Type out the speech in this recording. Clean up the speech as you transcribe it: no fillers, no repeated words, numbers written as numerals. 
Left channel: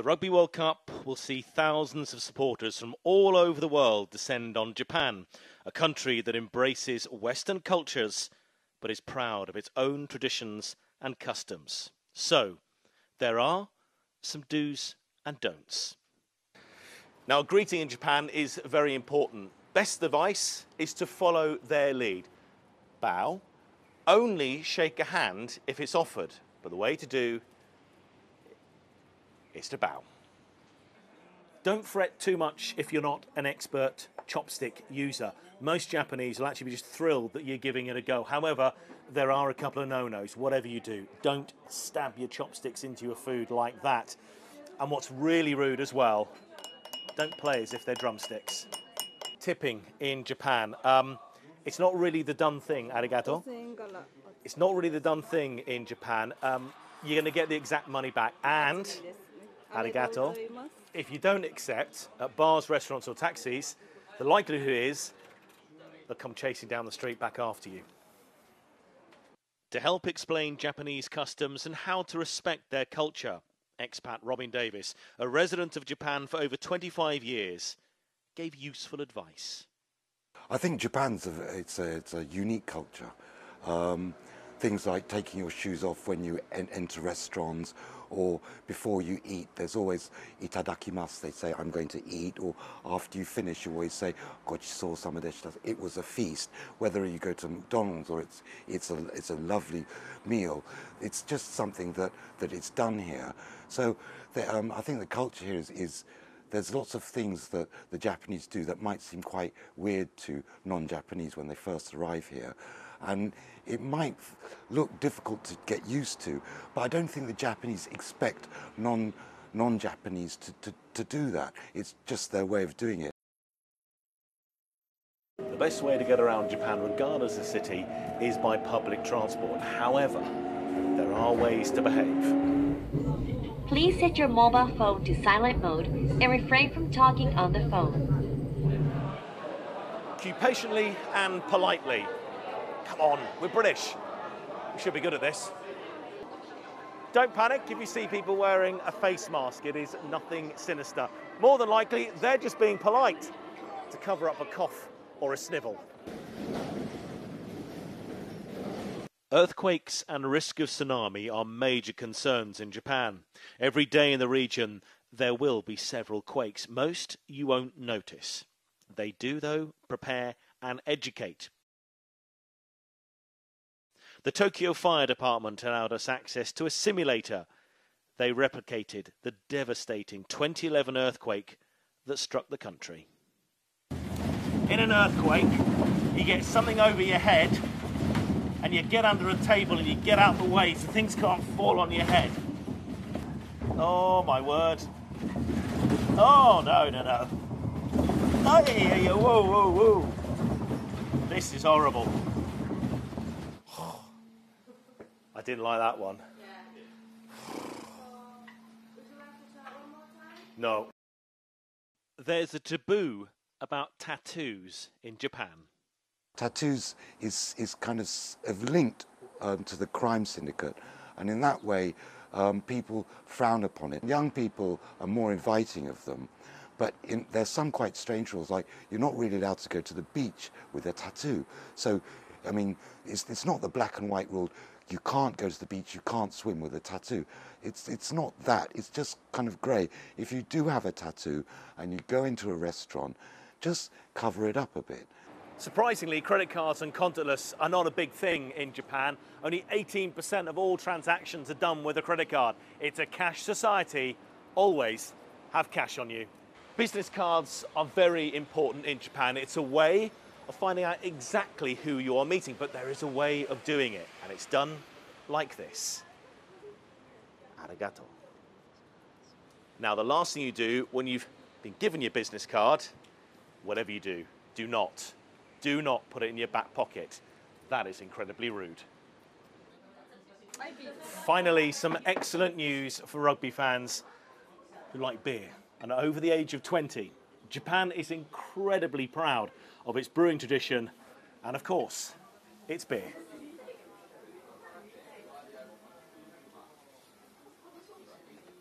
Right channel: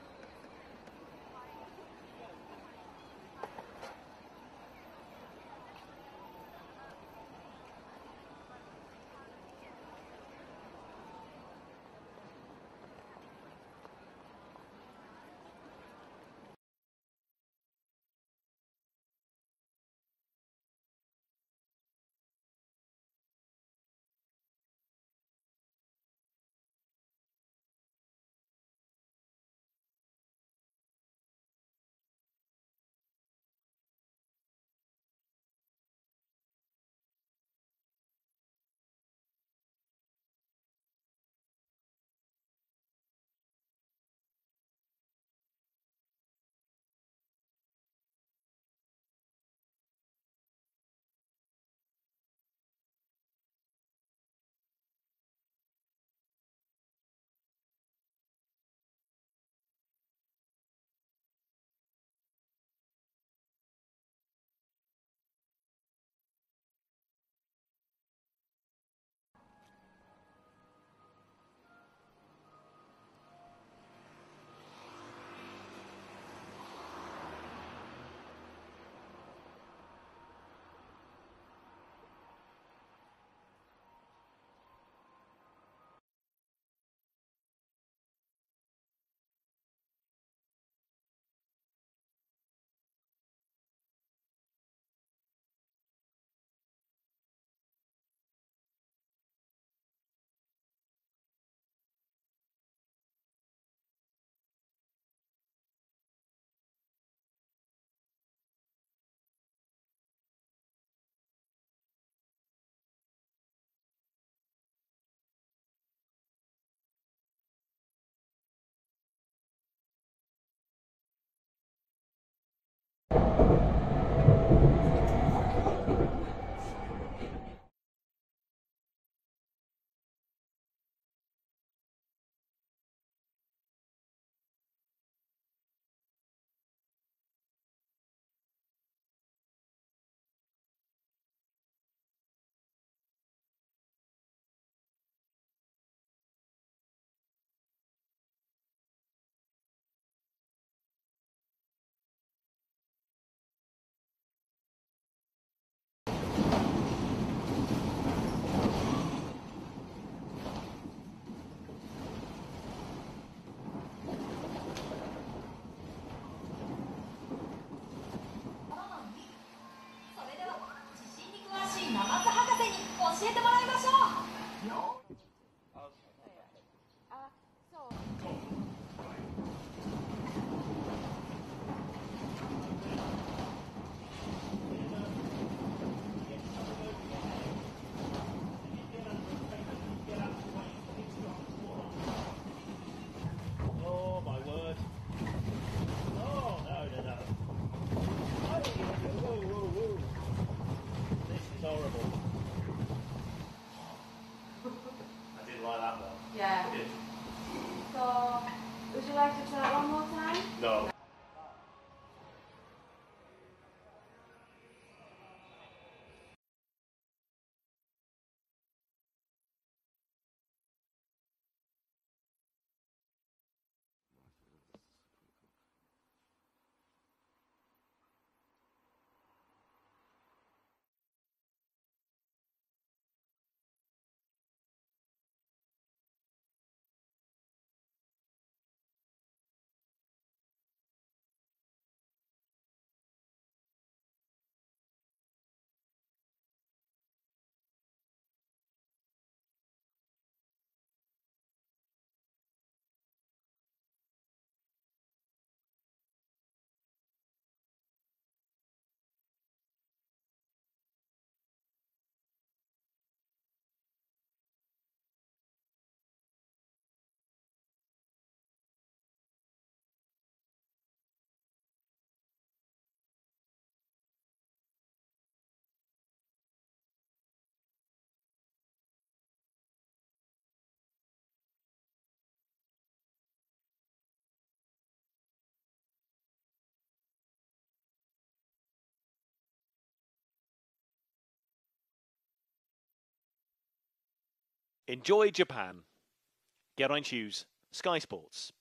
The Rugby World Cup will see thousands of supporters from all over the world descend on Japan, a country that embraces Western cultures but is proud of its own traditions and customs. So, there are some do's and don'ts. Now, greeting in Japan is very important. Best advice is to follow their lead. Bow. Only shake a hand if it's offered, but the way to do is to bow. Don't fret too much if you're not an expert chopstick user. Most Japanese will actually be just thrilled that you're giving it a go. However, there are a couple of no-nos. Whatever you do, don't stab your chopsticks into your food like that. And what's really rude as well, don't play as if they're drumsticks. Tipping in Japan. It's not really the done thing, arigato. It's not really the done thing in Japan. You're going to get the exact money back. And, arigato, if you don't accept at bars, restaurants or taxis, the likelihood is they'll come chasing down the street back after you. To help explain Japanese customs and how to respect their culture, expat Robin Davis, a resident of Japan for over 25 years, gave useful advice. I think Japan's it's a unique culture. Things like taking your shoes off when you enter restaurants or before you eat, there's always itadakimasu, they say I'm going to eat, or after you finish you always say gochishou sama deshita. It was a feast. Whether you go to McDonald's or it's a lovely meal, it's just something that it's done here. So I think the culture here is there's lots of things that the Japanese do that might seem quite weird to non-Japanese when they first arrive here. And it might look difficult to get used to, but I don't think the Japanese expect non-Japanese to do that. It's just their way of doing it. The best way to get around Japan, regardless of city, is by public transport. However, there are ways to behave. Please set your mobile phone to silent mode and refrain from talking on the phone. Queue patiently and politely. Come on, we're British. We should be good at this. Don't panic if you see people wearing a face mask. It is nothing sinister. More than likely, they're just being polite to cover up a cough or a snivel. Earthquakes and risk of tsunami are major concerns in Japan. Every day in the region, there will be several quakes. Most you won't notice. They do, though, prepare and educate. The Tokyo Fire Department allowed us access to a simulator. They replicated the devastating 2011 earthquake that struck the country. In an earthquake, you get something over your head and you get under a table and you get out the way so things can't fall on your head. Oh, my word. Oh, no. Oh, yeah, whoa. This is horrible. I didn't like that one. Yeah. So, would you like to try it one more time? No. There's a taboo about tattoos in Japan. Tattoos is kind of linked to the crime syndicate, and in that way people frown upon it. Young people are more inviting of them, but there's some quite strange rules, like you're not really allowed to go to the beach with a tattoo. So, I mean, it's not the black and white rule. You can't go to the beach, you can't swim with a tattoo. It's not that, it's just kind of grey. If you do have a tattoo and you go into a restaurant, just cover it up a bit. Surprisingly, credit cards and contactless are not a big thing in Japan. Only 18% of all transactions are done with a credit card. It's a cash society. Always have cash on you. Business cards are very important in Japan. It's a way of finding out exactly who you are meeting, but there is a way of doing it, and it's done like this. Arigato. Now, the last thing you do when you've been given your business card, whatever you do, do not put it in your back pocket. That is incredibly rude. Finally, some excellent news for rugby fans who like beer and are over the age of 20. Japan is incredibly proud of its brewing tradition and, of course, its beer. Enjoy Japan. Get on Shoes, Sky Sports.